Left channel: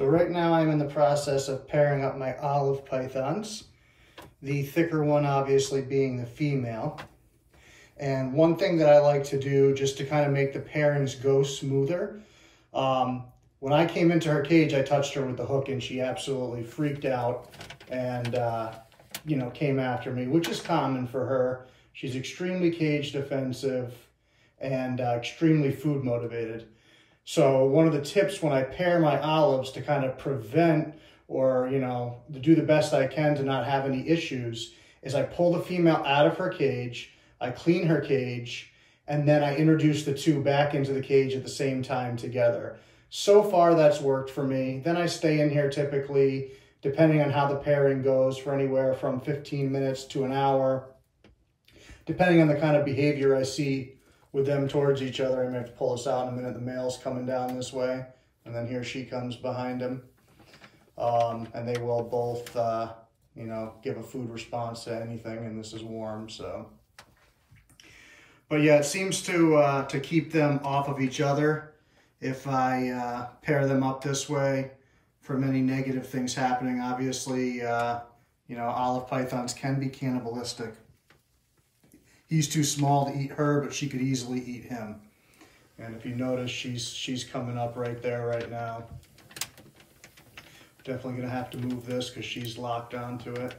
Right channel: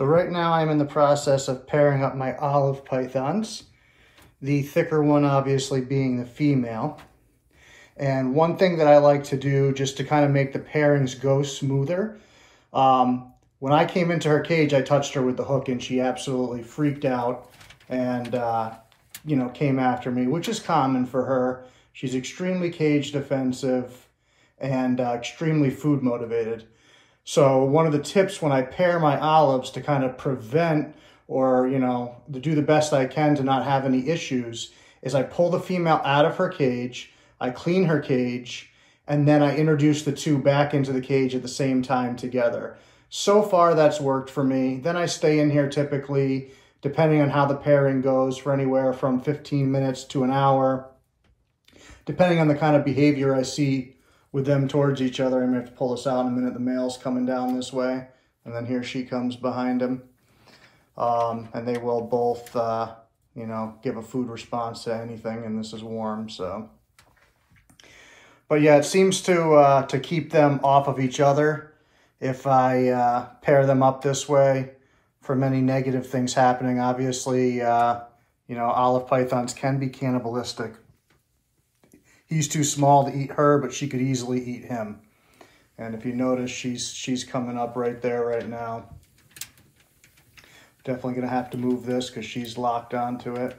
So right now I'm in the process of pairing up my olive pythons, the thicker one obviously being the female. And one thing that I like to do just to kind of make the pairings go smoother, when I came into her cage, I touched her with the hook and she absolutely freaked out and, you know, came after me, which is common for her. She's extremely cage defensive and extremely food motivated. So one of the tips when I pair my olives to kind of prevent or, you know, to do the best I can to not have any issues is I pull the female out of her cage, I clean her cage, and then I introduce the two back into the cage at the same time together. So far, that's worked for me. Then I stay in here typically, depending on how the pairing goes, for anywhere from 15 minutes to an hour. Depending on the kind of behavior I see with them towards each other, I'm gonna have to pull this out in a minute. The male's coming down this way, and then here she comes behind him. And they will both, you know, give a food response to anything, and this is warm, so. But yeah, it seems to keep them off of each other if I pair them up this way from any negative things happening. Obviously, you know, olive pythons can be cannibalistic. He's too small to eat her, but she could easily eat him. And if you notice, she's coming up right there right now. Definitely gonna have to move this because she's locked onto it.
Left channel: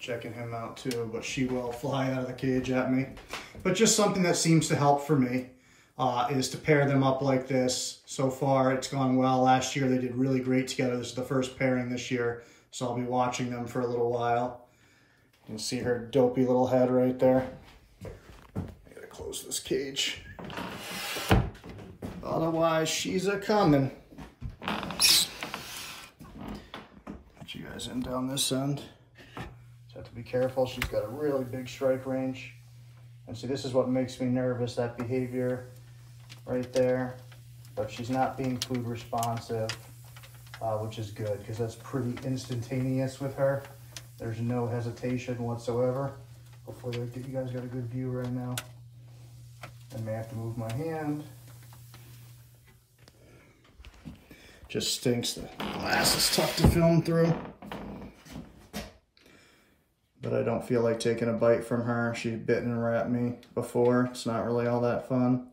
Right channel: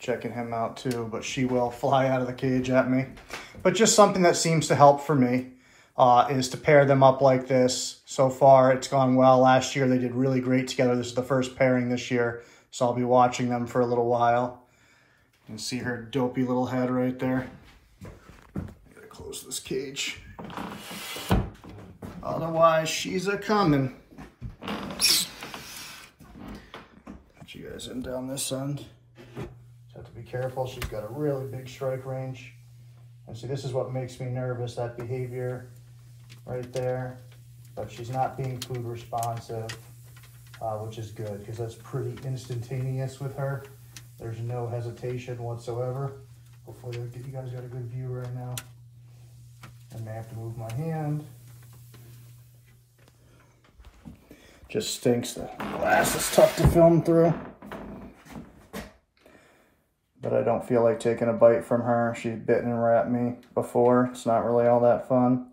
Checking him out too, but she will fly out of the cage at me. But just something that seems to help for me is to pair them up like this. So far, it's gone well. Last year, they did really great together. This is the first pairing this year, so I'll be watching them for a little while. You can see her dopey little head right there. I gotta close this cage. Otherwise, she's a-coming. Put you guys in down this end. Just have to be careful. She's got a really big strike range. And see, this is what makes me nervous, that behavior right there. But she's not being food responsive, which is good because that's pretty instantaneous with her. There's no hesitation whatsoever. Hopefully you guys got a good view right now. I may have to move my hand. Just stinks. The glass is tough to film through. But I don't feel like taking a bite from her. She's bitten and wrapped me before. It's not really all that fun.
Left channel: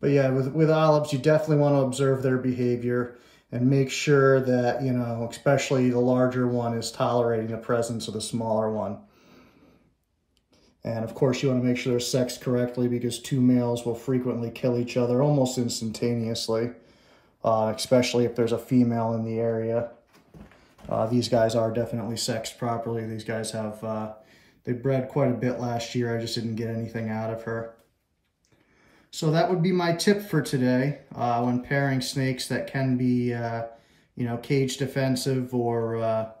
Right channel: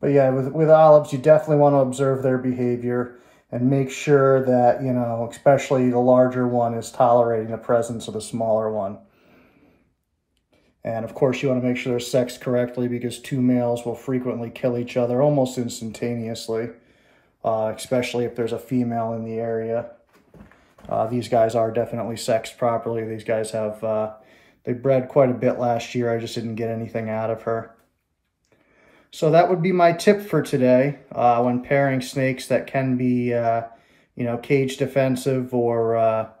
But yeah, with olives, you definitely want to observe their behavior and make sure that, you know, especially the larger one is tolerating the presence of the smaller one. And of course, you want to make sure they're sexed correctly because two males will frequently kill each other almost instantaneously, especially if there's a female in the area. These guys are definitely sexed properly. These guys have, they bred quite a bit last year. I just didn't get anything out of her. So that would be my tip for today when pairing snakes that can be, you know, cage defensive or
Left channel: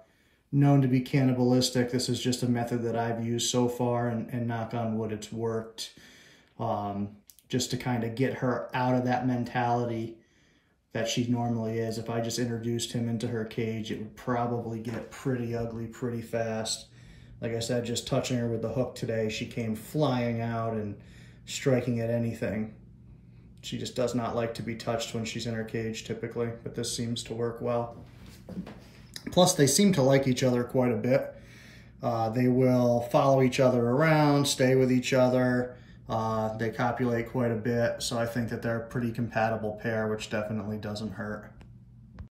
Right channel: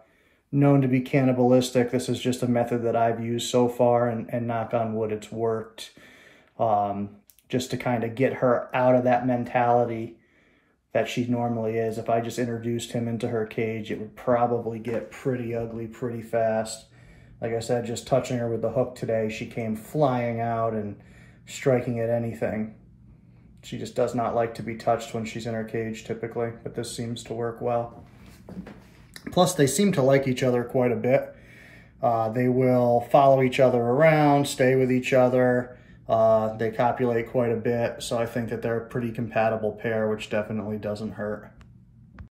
known to be cannibalistic. This is just a method that I've used so far, and knock on wood, it's worked. Just to kind of get her out of that mentality that she normally is. If I just introduced him into her cage, it would probably get pretty ugly pretty fast. Like I said, just touching her with the hook today, she came flying out and striking at anything. She just does not like to be touched when she's in her cage typically, but this seems to work well. Plus, they seem to like each other quite a bit. They will follow each other around, stay with each other. They copulate quite a bit, so I think that they're a pretty compatible pair, which definitely doesn't hurt.